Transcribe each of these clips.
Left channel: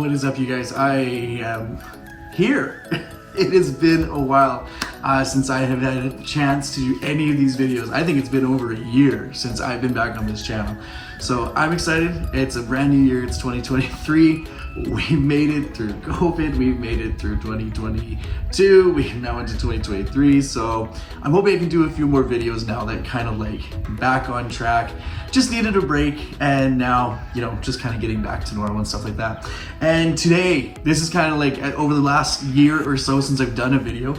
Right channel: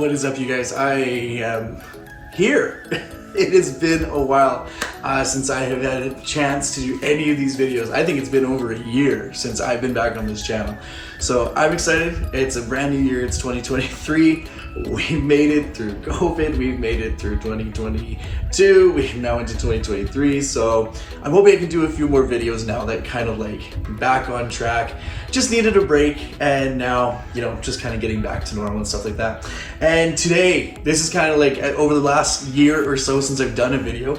What is up, you guys? I am here. It has been a while since I have had a chance to do any of these videos. I think it's been over a year since I've been back on this channel. So I'm excited. It's a brand new year. It's 2023. We made it through COVID. We made it through 2022. We're now into 2023. So I'm hoping I can do a few more videos now that kind of like back on track. Just needed a break, and now, you know, just kind of getting back to normal and stuff like that. And today, this is kind of like over the last year or so since I've done a video,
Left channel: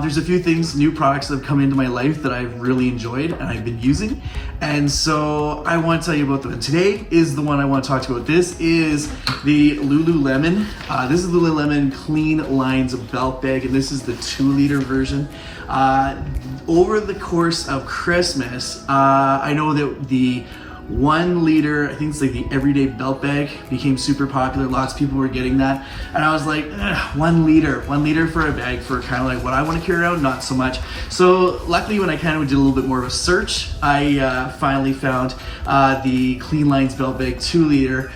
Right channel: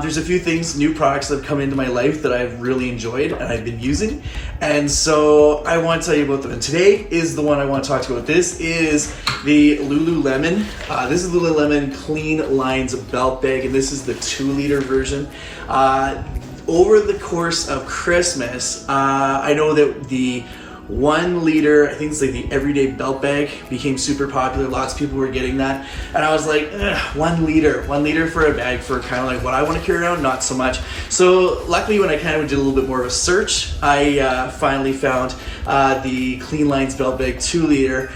there's a few things, new products that have come into my life that I've really enjoyed and I've been using. And so I want to tell you about them. And today is the one I want to talk to you about. This is the Lululemon. This is Lululemon Clean Lines belt bag, and this is the 2-liter version. Over the course of Christmas, I know that the 1 liter, I think it's like the everyday belt bag, became super popular. Lots of people were getting that. And I was like, 1 liter for a bag for kind of like what I want to carry around, not so much. So luckily, when I kind of did a little bit more of a search, I finally found the Clean Lines belt bag 2 liter,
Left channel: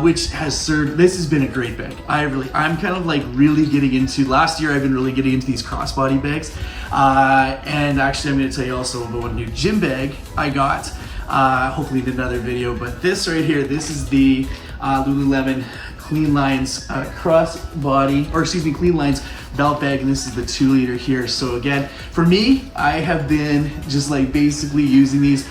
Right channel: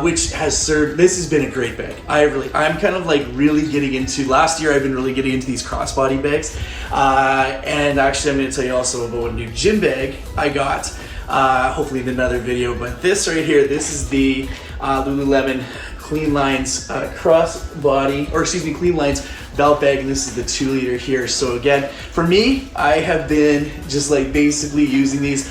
which has served, this has been a great bag. I'm kind of like really getting into, last year I've been really getting into these crossbody bags. And actually I'm going to tell you also about a new gym bag I got, hopefully in another video, but this right here, this is the Lululemon Clean Lines Clean Lines belt bag, and this is the 2 liter here. So again, for me, I have been just like basically using these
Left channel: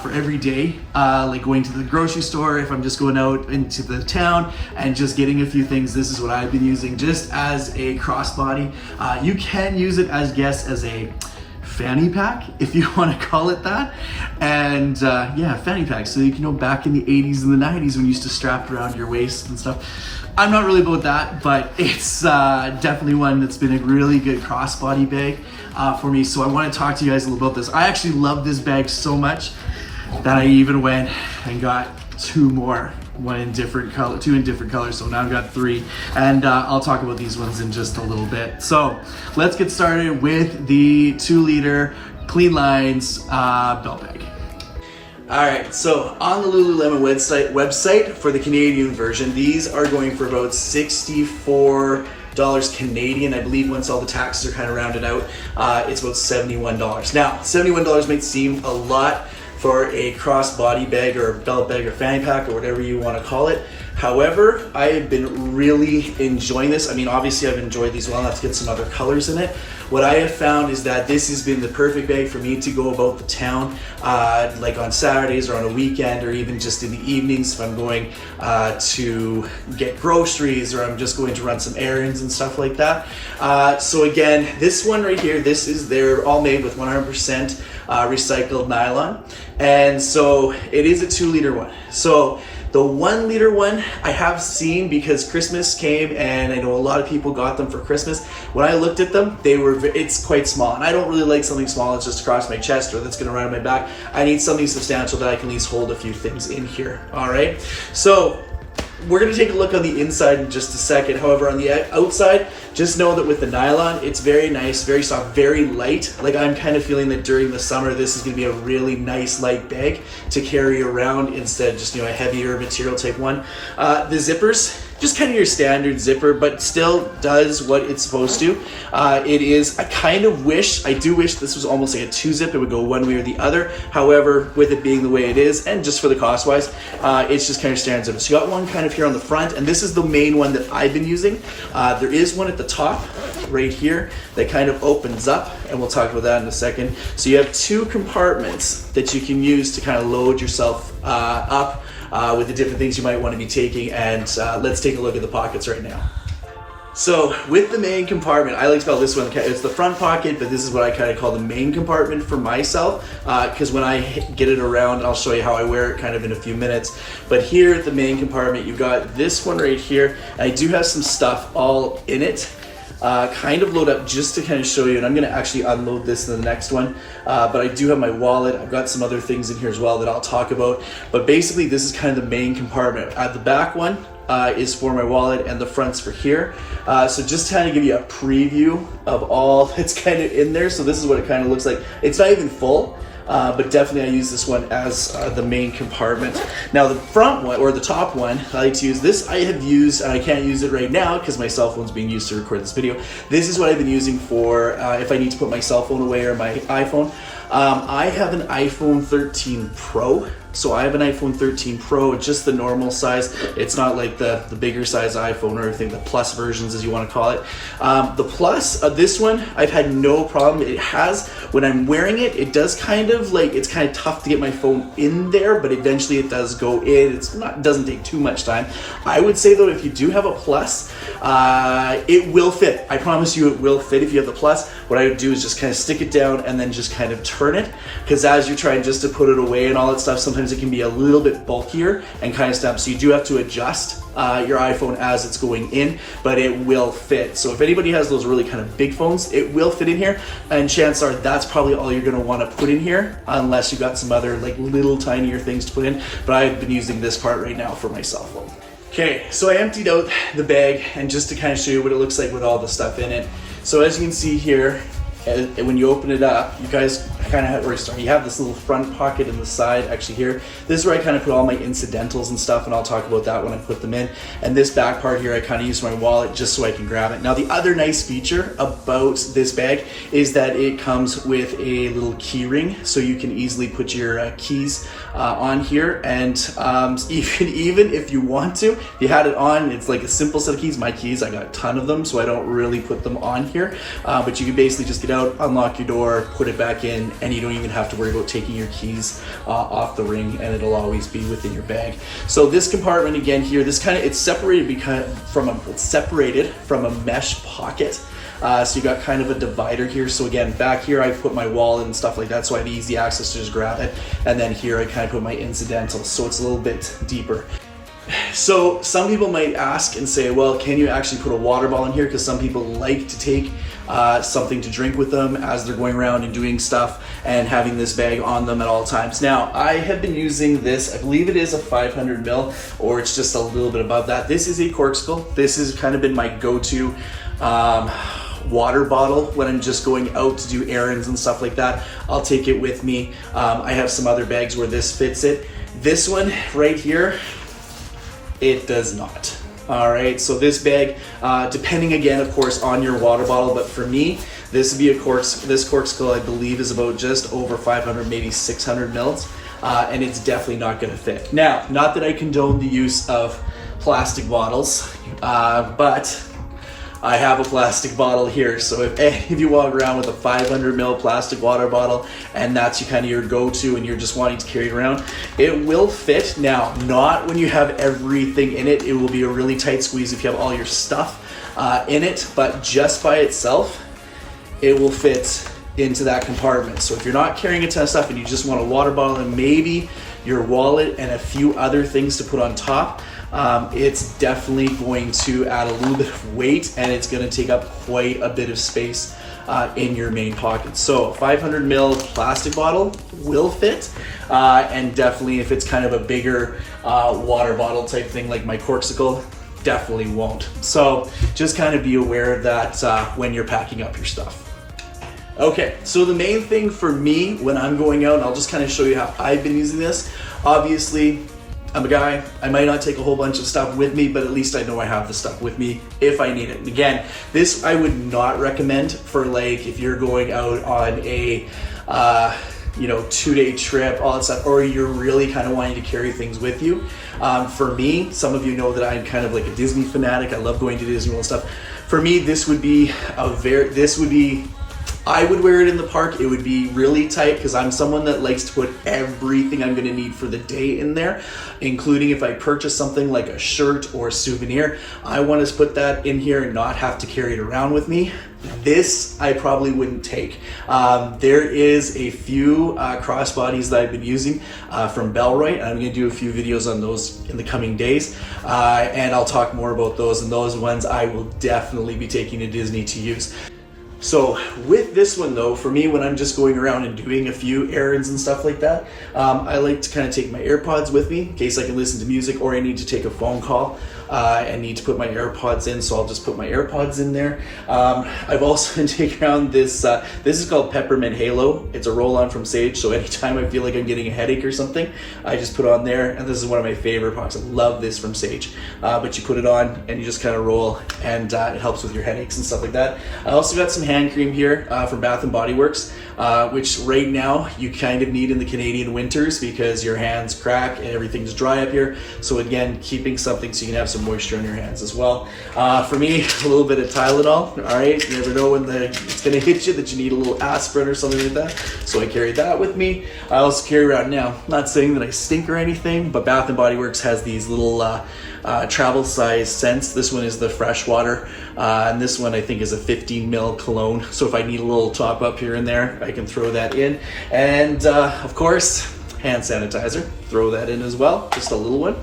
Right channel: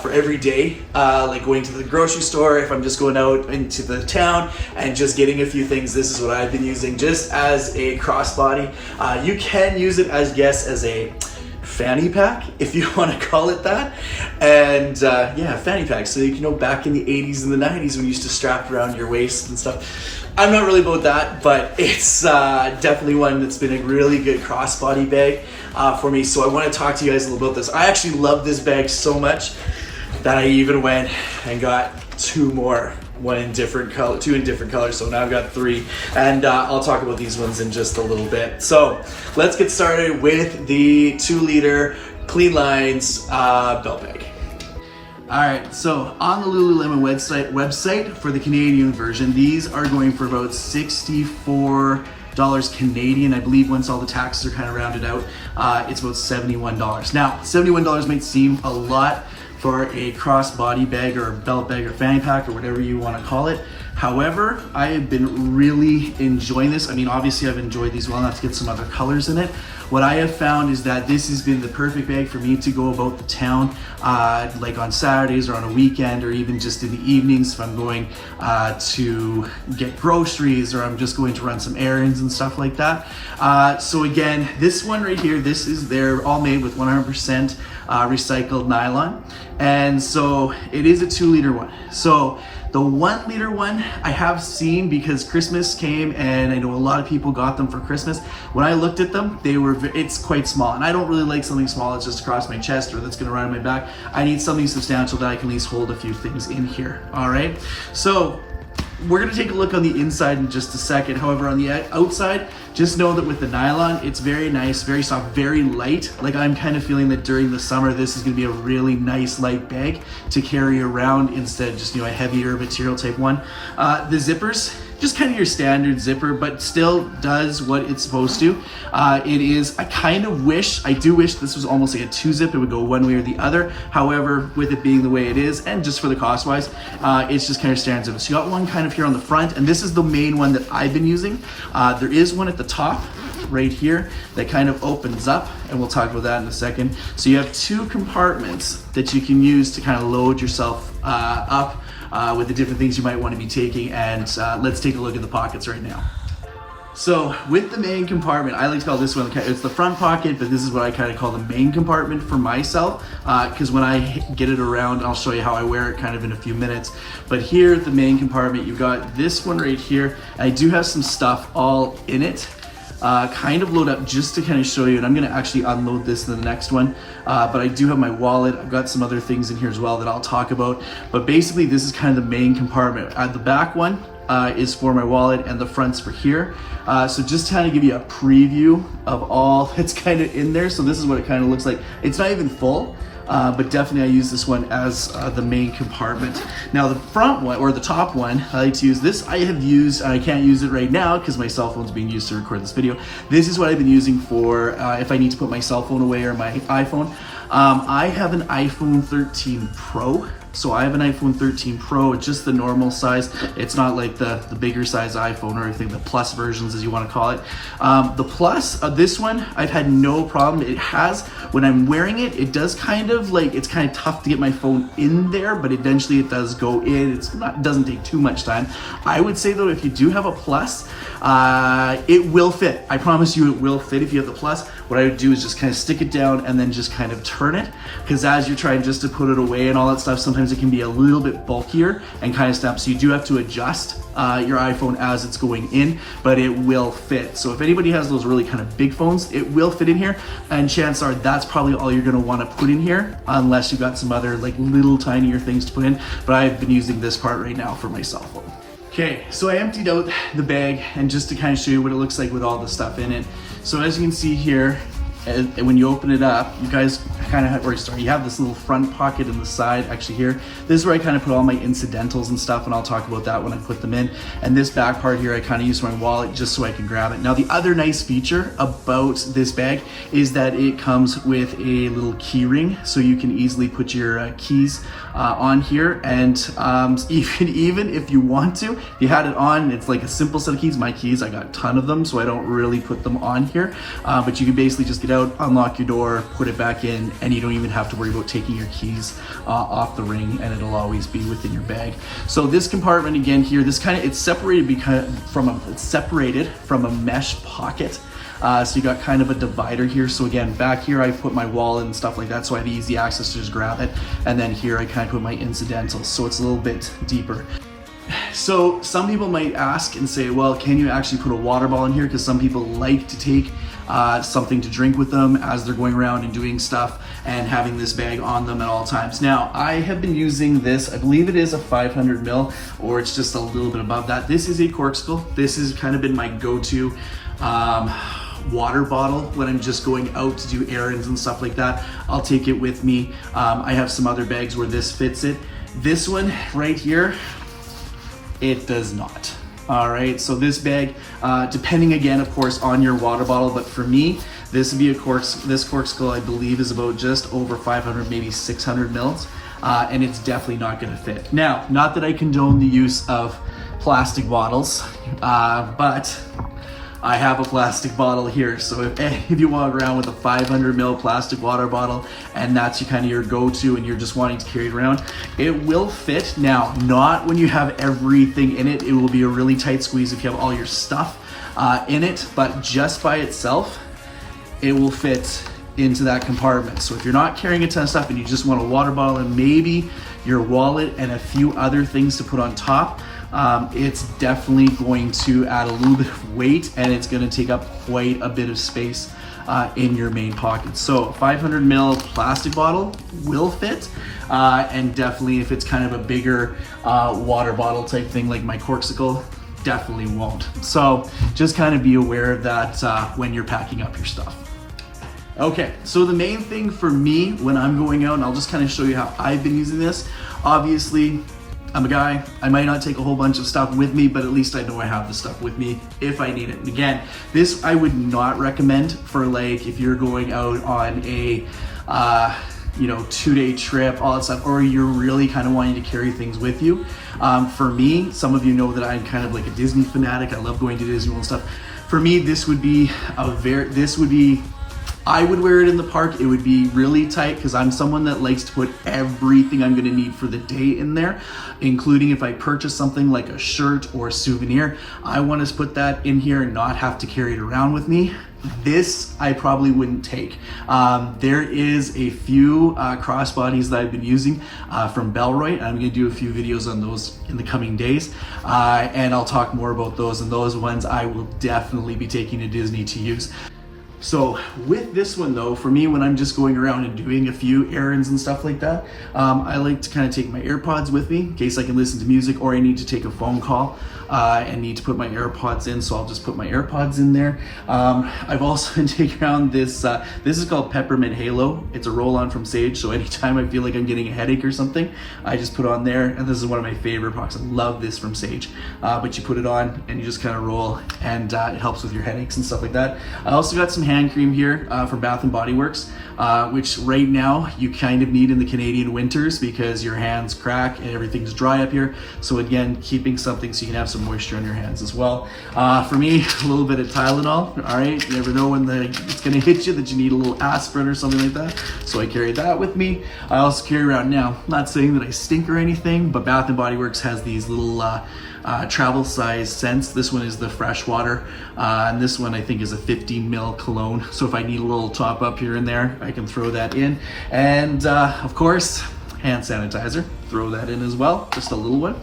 for every day, like going to the grocery store, if I'm just going out into the town and just getting a few things. This is what I've been using just as a crossbody. You can use it as a fanny pack, if you want to call it that. And yeah, fanny pack. So you know, back in the 80s and the 90s when you used to strap around your waist and stuff. I'm not really about that, but it's definitely one that's been a really good crossbody bag for me. So I want to talk to you guys a little about this. I actually love this bag so much that I even went and got 2 more. 2 in different colors, so now I've got 3, and I'll talk about these ones in just a little bit. So let's get started with the 2 liter Clean Lines belt bag. All right, so on the Lululemon website for the Canadian version, these are going for about $64 Canadian. I believe once all the taxes are kind of rounded out, it's about $71. Now, $71 might seem a lot for a crossbody bag or a belt bag or fanny pack or whatever you want to call it. However, I have been really enjoying this. I mean, obviously I've enjoyed these well. Let's get some other colors in it. What I have found is that this has been the perfect bag for me to go about the town, like on Saturdays or on a weekend, or even just in the evenings if I'm going to get groceries or I'm just going to run some errands and stuff like that. So again, this one right here, they're all made with 100% recycled nylon. And so it is a 2 liter one. So the 1 liter one I have seen, because Christmas came and I know a lot of people got them for Christmas. When I looked at them, it's quite small, and I don't really like something small that's just across my chest or that's gonna run on my back. I need something substantial that I can at least hold a few things in here, all right? So we're gonna take a look on the inside in just a second. However, on the outside, just know that with the nylon, it's very nice, very soft, very light. Like, I'm kind of feeling that during the summer, this is gonna be a really nice light bag to carry around instead of just, you know, a heavier material type one. The zippers, just kind of your standard zipper, but still does what it's supposed to. I do wish this was almost like a 2-zip. It would go one way or the other. However, with it being the way it is, and just for the cost wise, it's just kind of standard zipper. So you got one kind of here on the front, and this is the main one that I've been using. There is one at the top right here that kind of opens up, and we'll talk about that in a second. So you have 2 compartments that you can use to kind of load yourself up with the different things you might want to be taking. And let's take a look at the pockets right now. So with the main compartment, I like to call this one, it's the front pocket, but this is what I kind of call the main compartment for myself, because when I get it around, I'll show you how I wear it kind of in a few minutes. But here at the main compartment, you've got this one right here. I do have some stuff all in it, kind of load up just to kind of show you, and I'm going to actually unload this in the next one. But I do have my wallet. I've got some other things in here as well that I'll talk about. But basically, this is kind of the main compartment. The back one is for my wallet, and the front's for here. So just to kind of give you a preview of all that's kind of in there. So this is what it kind of looks like. It's not even full. but definitely I use this one as the main compartment. Now the front one, or the top one, I like to use this. I have used, and I can't use it right now because my cell phone's being used to record this video. This is what I've been using for if I need to put my cell phone away or my iPhone. I have an iPhone 13 Pro. So I have an iPhone 13 Pro, just the normal size. It's not like the bigger size iPhone or anything, the plus versions as you want to call it. The plus of this one, I've had no problem. It has, when I'm wearing it, it does kind of like, it's kind of tough to get my phone in there, but eventually it does go in. It doesn't take too much time. I would say though, if you do have a plus, it will fit. I promise you it will fit if you have the plus. What I would do is just kind of stick it down and then just kind of turn it. Because as you're trying just to put it away and all that stuff, sometimes it can be a little bit bulkier and kind of snap. So you do have to adjust your iPhone as it's going in, but it will fit. So if anybody has those really kind of big phones, it will fit in here. And chances are that's probably all you're gonna wanna put in here, unless you got some other like little tinier things to put in. But I've been using this part right now for my cell phone. Okay, so I emptied out the bag, and just to kind of show you what it looks like with all the stuff in it. So as you can see here, when you open it up, you guys kind of have, you have this little front pocket in the side, actually here. This is where I kind of put all my incidentals and stuff, and I'll talk about that when I put them in. And this back part here, I kind of use my wallet just so I can grab it. Now the other nice feature about this bag is that it comes with a little key ring, so you can easily put your keys on here. And even if you want to, you had it on, it's like a simple set of keys. My keys, I got a ton of them, so I don't really put them on here. But you can basically just get out, unlock your door, put it back in, and you don't even have to worry about taking your keys off the ring, and it'll always be within your bag. So this compartment again here, this kind of, it's separated from a mesh pocket. So you got kind of a divider here. So again, back here I put my wallet and stuff like that, so I have easy access to just grab it. And then here I kind of put my incidentals, so it's a little bit deeper. So some people might ask and say, well, can you actually put a water bottle in here? Because some people like to take something to drink with them as they're going around and doing stuff and having this bag on them at all times. Now, I have been using this, I believe it is a 500 mil, or it's just a little bit above that. This is a Corkscrew. This has kind of been my go-to water bottle when I'm just going out to do errands and stuff like that. I'll take it with me. I have some other bags where this fits it. This one right here, it does not. All right, so this bag, depending again, of course, on your water bottle, but for me, this would be this Corkscrew, I believe, is about just over 500, maybe 600 mils, and it's definitely not gonna fit. Now, not that I condone the use of plastic bottles, but I have a plastic bottle here. So if any of you walk around with a 500 ml plastic water bottle and that's kind of your go-to and you're just wanting to carry it around, it will fit. Now, not when you have everything in it. It will be a really tight squeeze if you have all your stuff in it, but just by itself, it will fit into that compartment. So if you're not carrying a ton of stuff and you just want a water bottle and maybe your wallet and a few other things to put on top, it's definitely going to add a little bit of weight, and it's going to take up quite a bit of space in your main pocket. So a 500 ml plastic bottle will fit, and definitely if it's kind of a bigger water bottle type thing like my Corkscrew, definitely won't. So just kind of be aware of that when you're packing up your stuff. Okay, so the main thing for me when I'm going out, and I'll just kind of show you how I've been using this. Obviously, I'm a guy, I might not take a whole bunch of stuff with me, but at least I know I have the stuff with me if I need it. And again, this I would not recommend for like if you're going out on a 2-day trip, all that stuff, or you're really kind of wanting to carry things with you. For me, some of you know that I'm kind of like a Disney fanatic. I love going to Disney and stuff. For me, this would be I would wear it in the park. It would be really tight because I'm someone that likes to put everything I'm gonna need for the day in there, including if I purchase something like a shirt or a souvenir. I want to put that in here and not have to carry it around with me. This I probably wouldn't take. There is a few crossbodies that I've been using from Bellroy. I'm gonna do a few videos on those in the coming days, and I'll talk more about those, and those ones I will definitely be taking to Disney to use. So with this one though, for me, when I'm just going around and doing a few errands and stuff like that, I like to kind of take my AirPods with me in case I can listen to music or I need to take a phone call. and need to put my AirPods in, so I'll just put my AirPods in there. I've also been taking around this is called Peppermint Halo. It's a roll-on from Sage, so anytime I feel like I'm getting a headache or something, I just put on there, and this is one of my favorite products. I love this from Sage. But you put it on and you just kind of roll, and it helps with your headaches and stuff like that. I also got some hand cream here from Bath & Body Works, which right now you kind of need in the Canadian winters because your hands crack and everything's dry up here. So again, keeping something so you can have some moisture on your hands as well. For me, a little bit of Tylenol. All right, you never know when it's gonna hit you that you need a little aspirin or something like that. So I carry that with me. I also carry around now, I'm not saying that I stink or anything, but Bath & Body Works has these little travel size scents. This one is the fresh water, and this one I think is a 15 ml cologne. So if I need a little top up here and there, I can throw that in. And of course, hand sanitizer, throw that in as well, just a little one.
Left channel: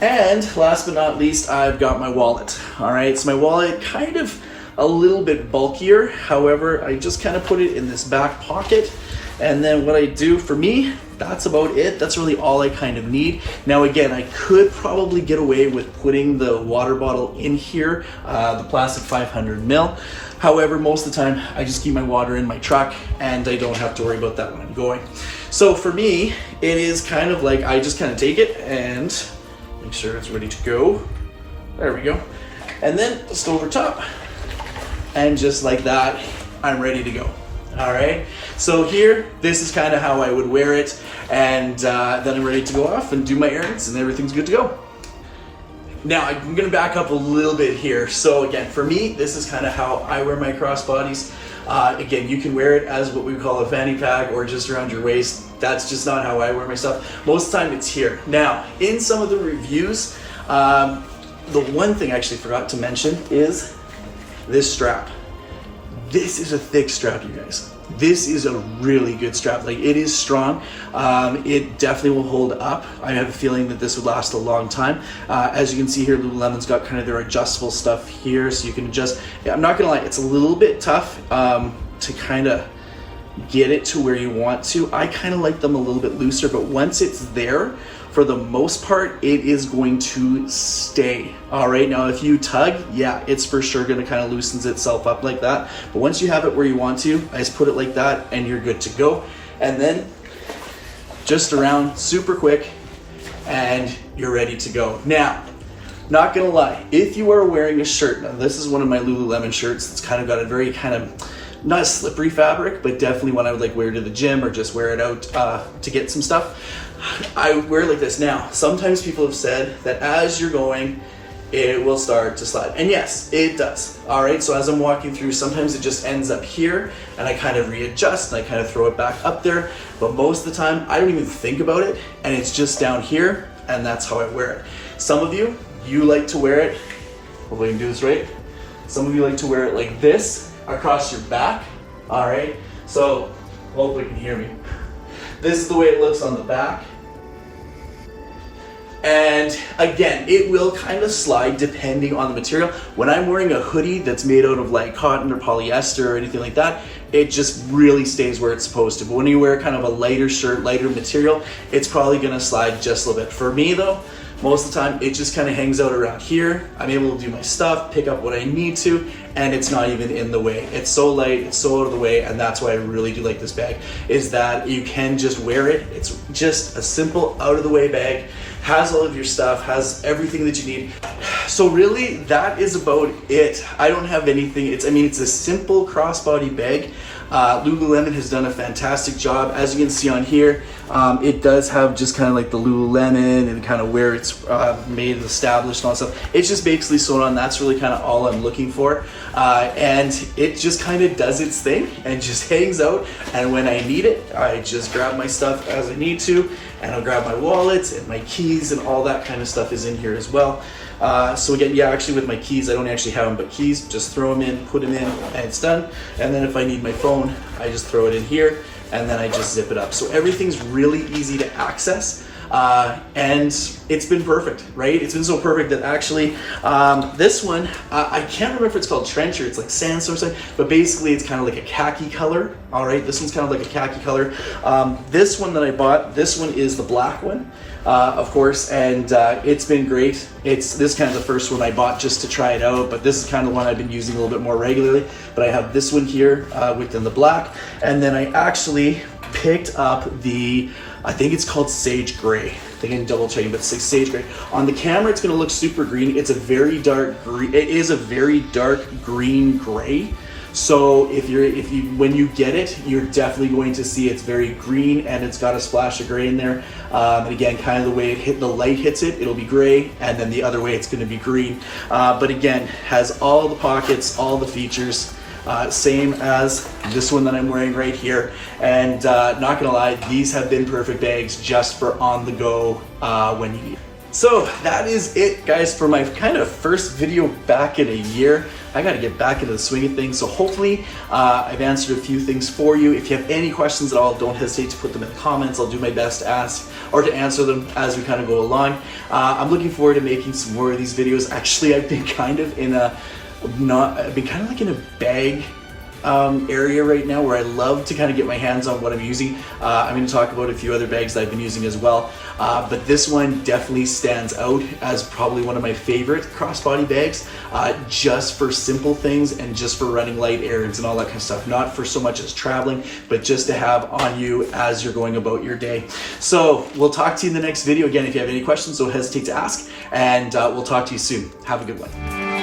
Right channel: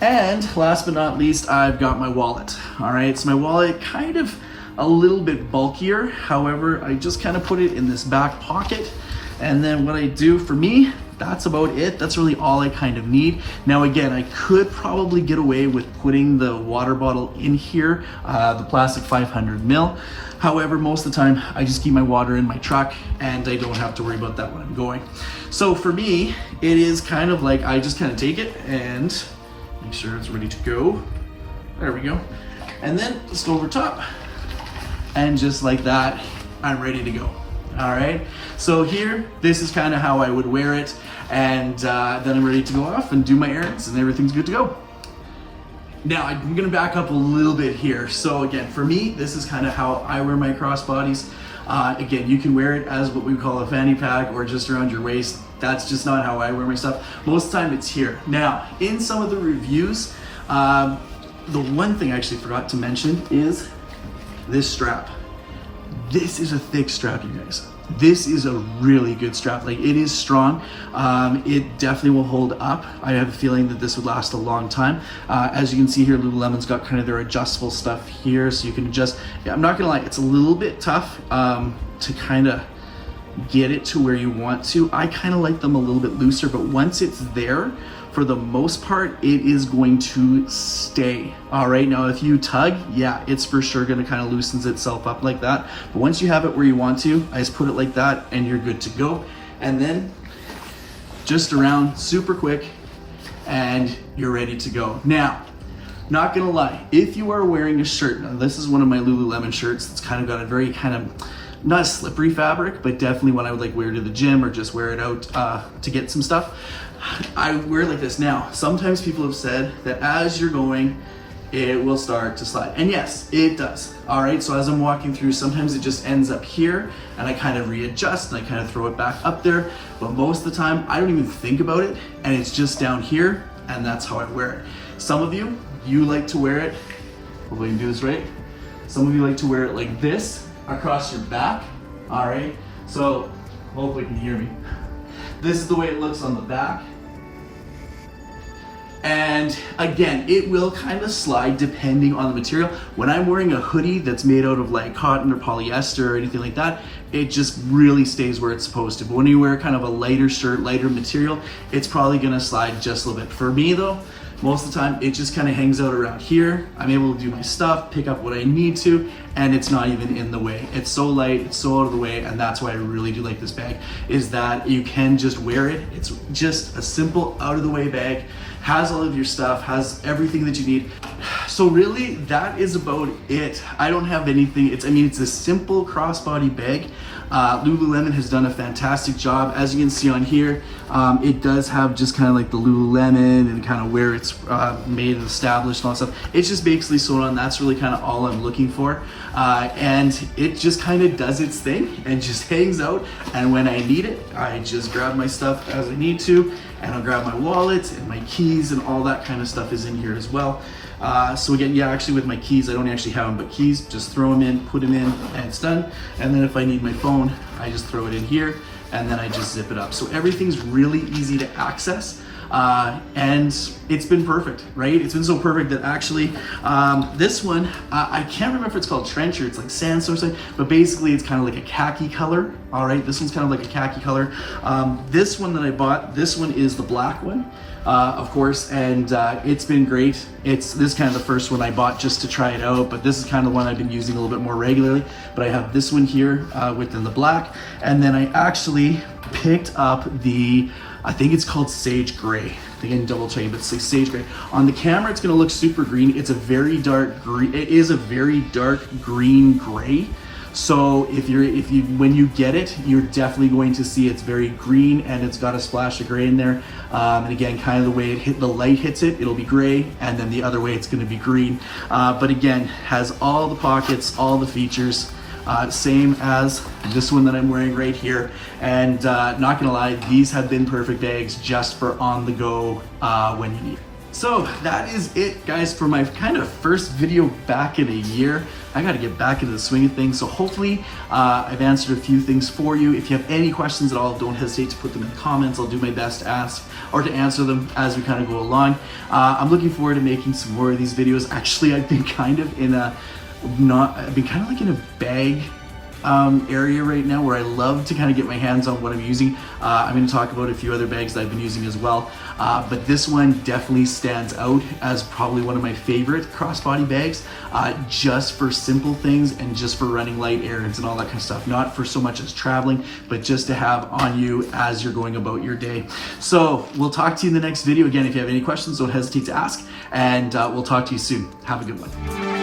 And last but not least, I've got my wallet. All right, so my wallet kind of a little bit bulkier. However, I just kind of put it in this back pocket. And then what I do for me, that's about it. That's really all I kind of need. Now again, I could probably get away with putting the water bottle in here, the plastic 500 ml. However, most of the time I just keep my water in my truck and I don't have to worry about that when I'm going. So for me, it is kind of like I just kind of take it and make sure it's ready to go. There we go. And then just over top, and just like that, I'm ready to go. All right, so here, this is kind of how I would wear it, and then I'm ready to go off and do my errands, and everything's good to go. Now, I'm gonna back up a little bit here. So again, for me, this is kind of how I wear my crossbodies. Again, you can wear it as what we call a fanny pack or just around your waist. That's just not how I wear my stuff. Most of the time it's here. Now, in some of the reviews, the one thing I actually forgot to mention is this strap. This is a thick strap, you guys. This is a really good strap. Like, it is strong. It definitely will hold up. I have a feeling that this would last a long time. As you can see here, Lululemon's got kind of their adjustable stuff here, so you can adjust. Yeah, I'm not gonna lie, it's a little bit tough to kind of get it to where you want to. I kind of like them a little bit looser, but once it's there, for the most part, it is going to stay. All right, now if you tug, yeah, it's for sure gonna kind of loosens itself up like that. But once you have it where you want to, I just put it like that and you're good to go. And then just around super quick and you're ready to go. Now, not gonna lie, if you are wearing a shirt, now this is one of my Lululemon shirts, it's kind of got a very kind of, not a slippery fabric, but definitely one I would like wear to the gym or just wear it out to get some stuff. I wear it like this now. Sometimes people have said that as you're going, it will start to slide. And yes, it does. All right, so as I'm walking through, sometimes it just ends up here and I kind of readjust and I kind of throw it back up there. But most of the time, I don't even think about it and it's just down here, and that's how I wear it. Some of you like to wear it, hopefully I can do this right. Some of you like to wear it like this across your back. All right, so hopefully you can hear me. This is the way it looks on the back. And again, it will kind of slide depending on the material. When I'm wearing a hoodie that's made out of like cotton or polyester or anything like that, it just really stays where it's supposed to. But when you wear kind of a lighter shirt, lighter material, it's probably gonna slide just a little bit. For me though, most of the time, it just kind of hangs out around here. I'm able to do my stuff, pick up what I need to, and it's not even in the way. It's so light, it's so out of the way, and that's why I really do like this bag, is that you can just wear it. It's just a simple out of the way bag, has all of your stuff, has everything that you need. So really, that is about it. I don't have anything, it's a simple crossbody bag. Lululemon has done a fantastic job. As you can see on here, it does have just kind of like the Lululemon and kind of where it's made and established and all that stuff. It's just basically sewn on. That's really kind of all I'm looking for. And it just kind of does its thing and just hangs out. And when I need it, I just grab my stuff as I need to, and I'll grab my wallet and my keys and all that kind of stuff is in here as well. So again, yeah, actually with my keys, I don't actually have them, but keys, just throw them in, put them in, and it's done. And then if I need my phone, I just throw it in here, and then I just zip it up. So everything's really easy to access. and it's been perfect, right? It's been so perfect that actually this one, I can't remember if it's called trench or it's like sandstone or something, but basically it's kind of like a khaki color. All right, this one's kind of like a khaki color. This one that I bought, this one is the black one, of course, and it's been great. This is kind of the first one I bought just to try it out, but this is kind of one I've been using a little bit more regularly. But I have this one here within the black, and then I actually picked up the, I think it's called Sage Gray. I think I can double check it, but it's like Sage Gray. On the camera, it's gonna look super green. It's a very dark green. It is a very dark green gray. So when you get it, you're definitely going to see it's very green and it's got a splash of gray in there. And again, kind of the way the light hits it, it'll be gray, and then the other way it's gonna be green. But again, has all the pockets, all the features. Same as this one that I'm wearing right here. And not gonna lie, these have been perfect bags just for on the go when you need it. So that is it, guys, for my kind of first video back in a year. I got to get back into the swing of things. So hopefully I've answered a few things for you. If you have any questions at all, don't hesitate to put them in the comments. I'll do my best to ask or to answer them as we kind of go along. I'm looking forward to making some more of these videos. Actually, I've been kind of in a like in a bag area right now where I love to kind of get my hands on what I'm using. I'm going to talk about a few other bags that I've been using as well. But this one definitely stands out as probably one of my favorite crossbody bags, just for simple things and just for running light errands and all that kind of stuff. Not for so much as traveling, but just to have on you as you're going about your day. So we'll talk to you in the next video. Again, if you have any questions, don't hesitate to ask, and we'll talk to you soon. Have a good one.